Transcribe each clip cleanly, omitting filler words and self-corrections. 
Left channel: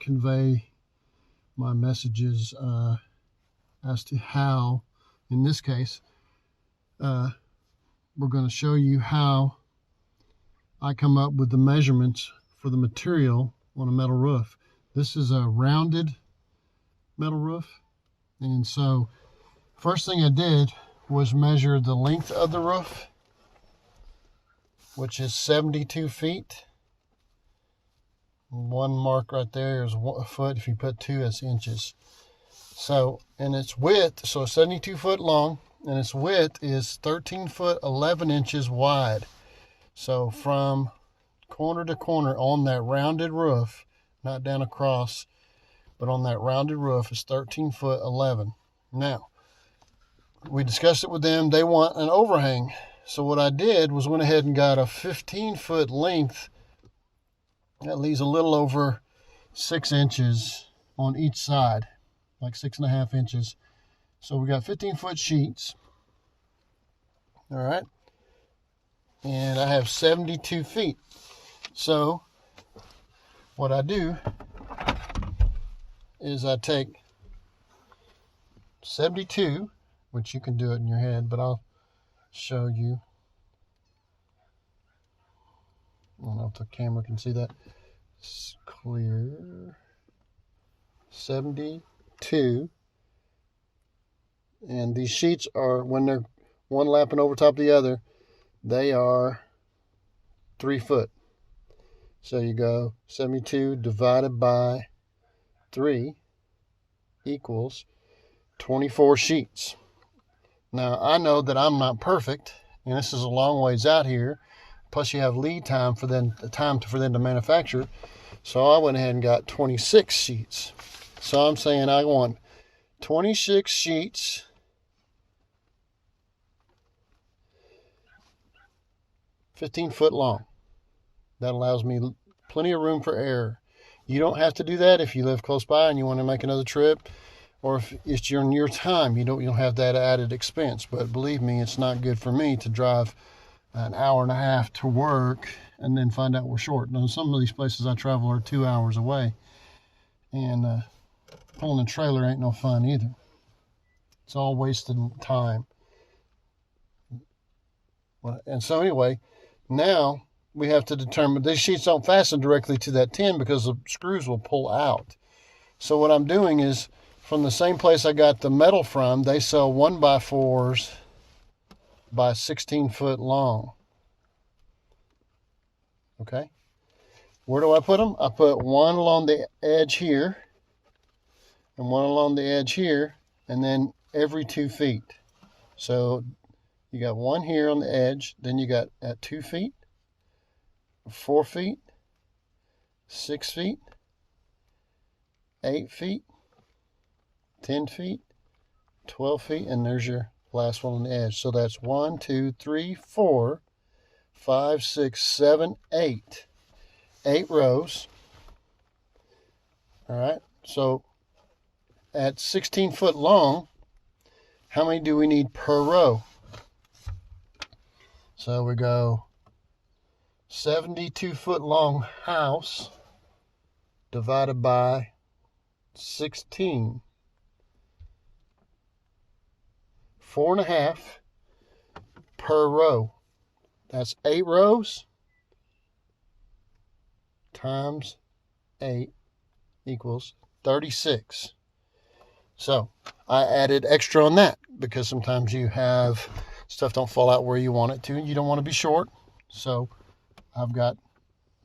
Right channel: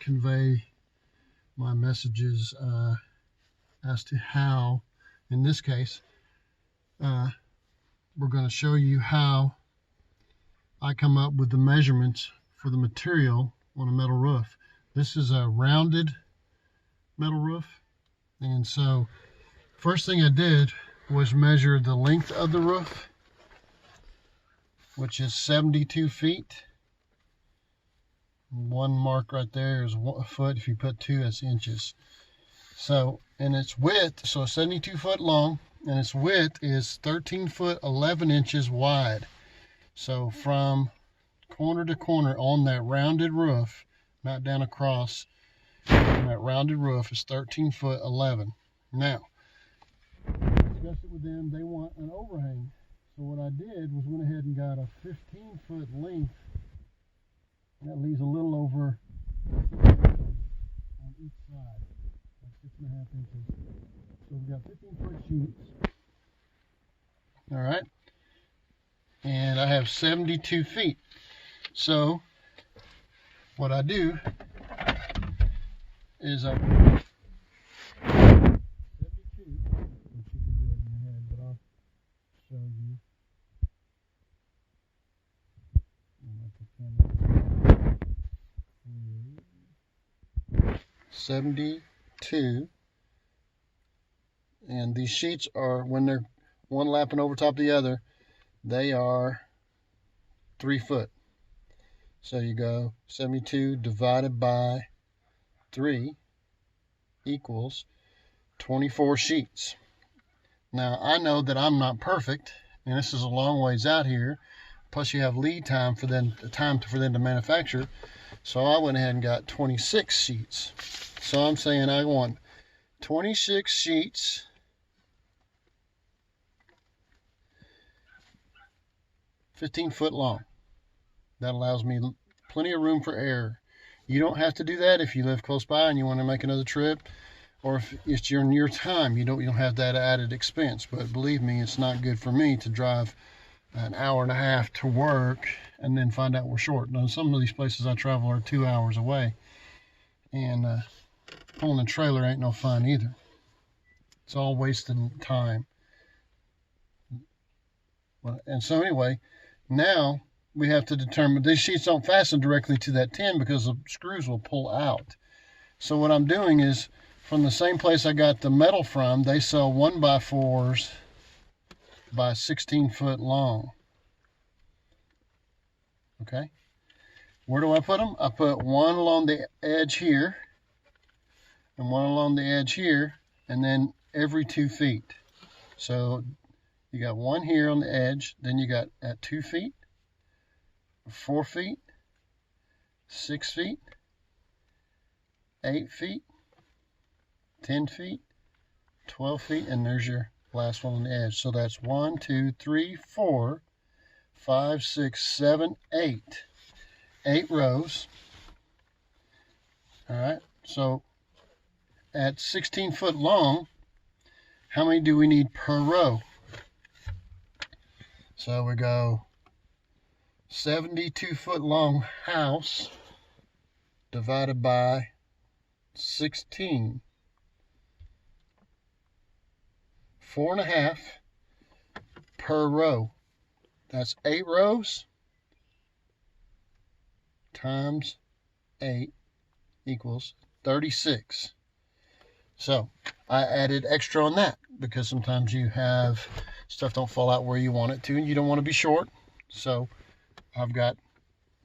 Convey my messages as to how, in this case, we're going to show you how I come up with the measurements for the material on a metal roof. This is a rounded metal roof, and so first thing I did was measure the length of the roof, which is 72 feet. One mark right there is a foot. If you put two, that's inches. So, and its width, so 72 foot long, and its width is 13 foot 11 inches wide. So from corner to corner on that rounded roof, not down across, but on that rounded roof, is 13 foot 11. Now, we discussed it with them. They want an overhang. So what I did was went ahead and got a 15 foot length. That leaves a little over 6 inches on each side, like 6.5 inches. So we got 15 foot sheets. All right. And I have 72 feet. So what I do is I take 72, which you can do it in your head, but I'll show you. I don't know if the camera can see that. It's clear. 72. And these sheets are, when they're one lapping over top of the other, they are 3 foot. So you go 72 divided by 3 equals 24 sheets. Now, I know that I'm not perfect, and this is a long ways out here. Plus, you have lead time for them, for them to manufacture. So I went ahead and got 26 sheets. So I'm saying I want 26 sheets, $15 long. That allows me plenty of room for error. You don't have to do that if you live close by and you want to make another trip, or if it's in your time. You don't have that added expense. But believe me, it's not good for me to drive an hour and a half to work and then find out we're short. Now, some of these places I travel are 2 hours away, and pulling a trailer ain't no fun either. It's all wasting time. And so anyway, now we have to determine, these sheets don't fasten directly to that tin because the screws will pull out. So what I'm doing is, from the same place I got the metal from, they sell 1x4s by 16 foot long. Okay. Where do I put them? I put one along the edge here and one along the edge here, and then every 2 feet. So you got one here on the edge, then you got at 2 feet, 4 feet, 6 feet, 8 feet, 10 feet, 12 feet, and there's your last one on the edge. So that's 1, 2, 3, 4, 5, 6, 7, 8. 8 rows. All right. So at 16 foot long, how many do we need per row? So we go 72 foot long house divided by 16. 4.5 per row. That's 8 rows times 8 equals 36. So I added extra on that because sometimes you have stuff don't fall out where you want it to, and you don't want to be short. So I've got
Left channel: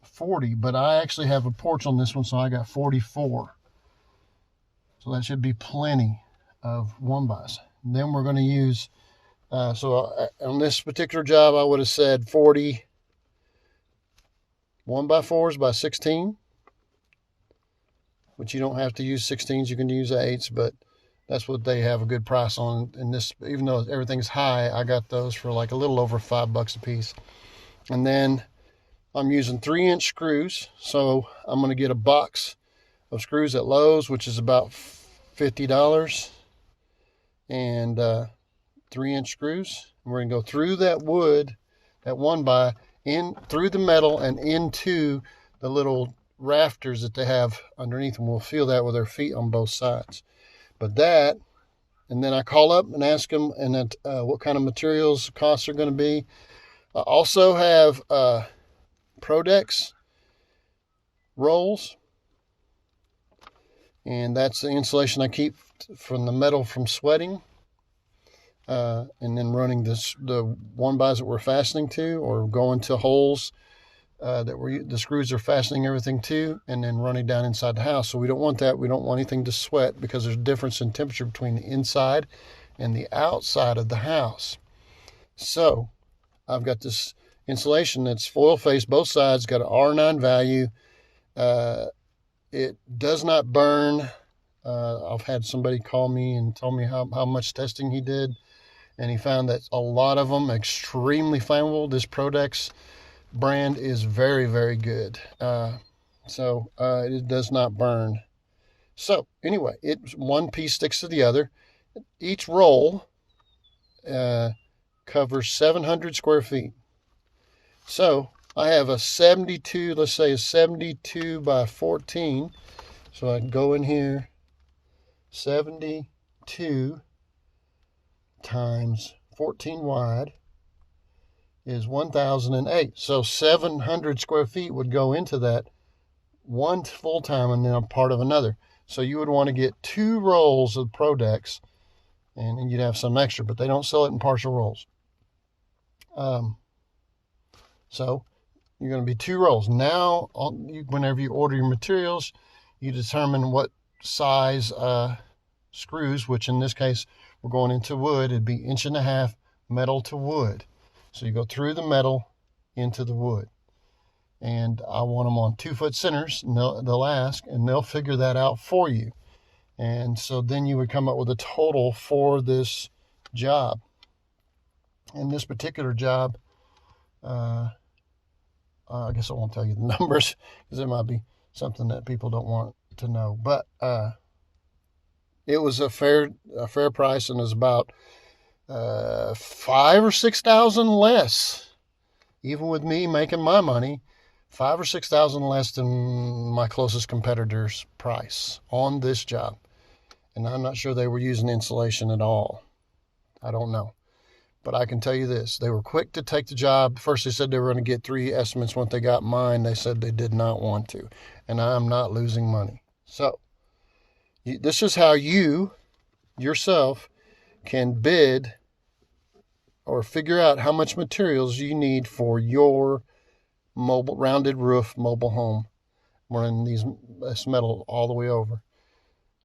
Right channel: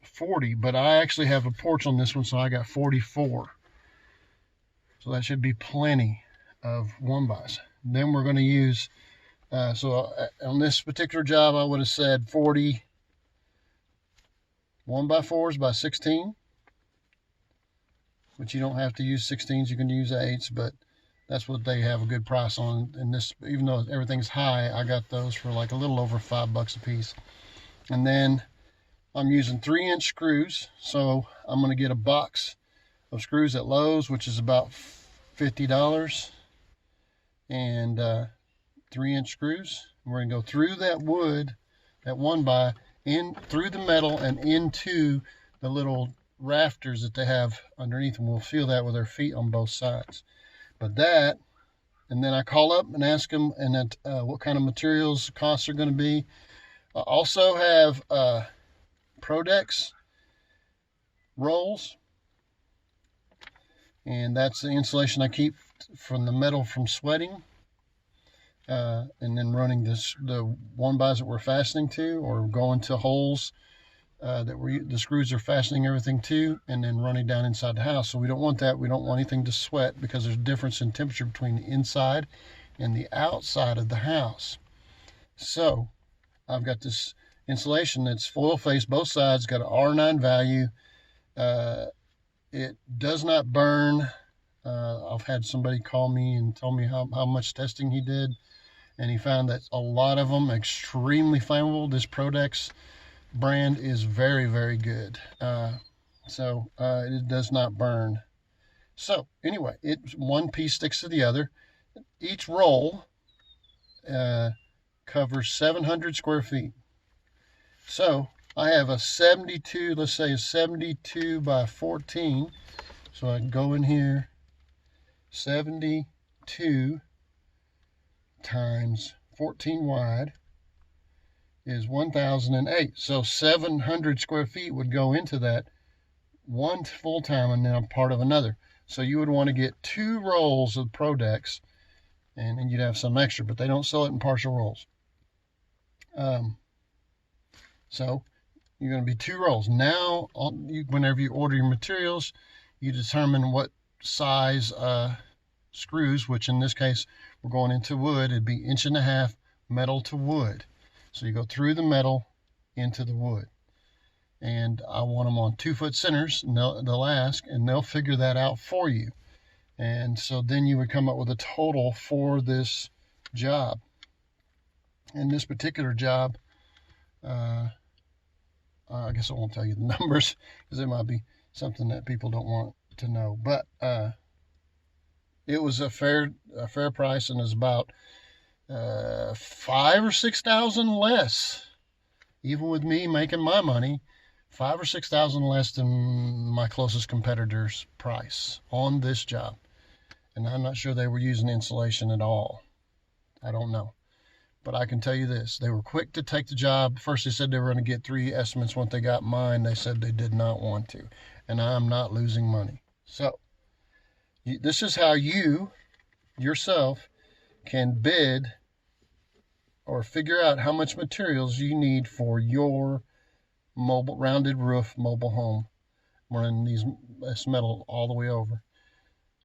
40, but I actually have a porch on this one, so I got 44. So that should be plenty of 1x. Then we're going to use, on this particular job, I would have said 40 1x4s by 16, which you don't have to use 16s, you can use 8s, but that's what they have a good price on. And this, even though everything's high, I got those for like a little over $5 a piece. And then I'm using 3-inch screws, so I'm going to get a box of screws at Lowe's, which is about $50. and 3-inch screws. We're going to go through that wood, that 1x, in through the metal and into the little rafters that they have underneath them. We'll feel that with our feet on both sides. But that, and then I call up and ask them what kind of materials costs are going to be. I also have Prodex rolls, and that's the insulation I keep from the metal from sweating. And then running the 1xs that we're fastening to, or going to holes that the screws are fastening everything to, and then running down inside the house. So we don't want that. We don't want anything to sweat, because there's a difference in temperature between the inside and the outside of the house. So I've got this insulation that's foil faced, both sides, got an R9 value. It does not burn. I've had somebody call me and tell me how much testing he did, and he found that a lot of them extremely flammable. This Prodex brand is very, very good. It does not burn. So anyway, one piece sticks to the other. Each roll covers 700 square feet. So I have a 72, let's say a 72 by 14. So I can go in here, 72 times 14 wide is 1,008. So 700 square feet would go into that, one full time and then a part of another. So you would want to get 2 rolls of Prodex, and then you'd have some extra, but they don't sell it in partial rolls. So you're going to be 2 rolls. Now, whenever you order your materials, you determine what size screws, which in this case, we're going into wood. It'd be 1.5 inches metal to wood. So you go through the metal into the wood. And I want them on 2-foot centers, and they'll ask, and they'll figure that out for you. And so then you would come up with a total for this job. And this particular job, I guess I won't tell you the numbers, because it might be something that people don't want to know. But it was a fair price, and it was about $5,000 or $6,000 less, even with me making my money. $5,000 or $6,000 less than my closest competitor's price on this job. And I'm not sure they were using insulation at all. I don't know. But I can tell you this, they were quick to take the job. First they said they were going to get 3 estimates. Once they got mine, they said they did not want to. And I'm not losing money. So this is how you yourself can bid or figure out how much materials you need for your rounded roof mobile home, running this metal all the way over.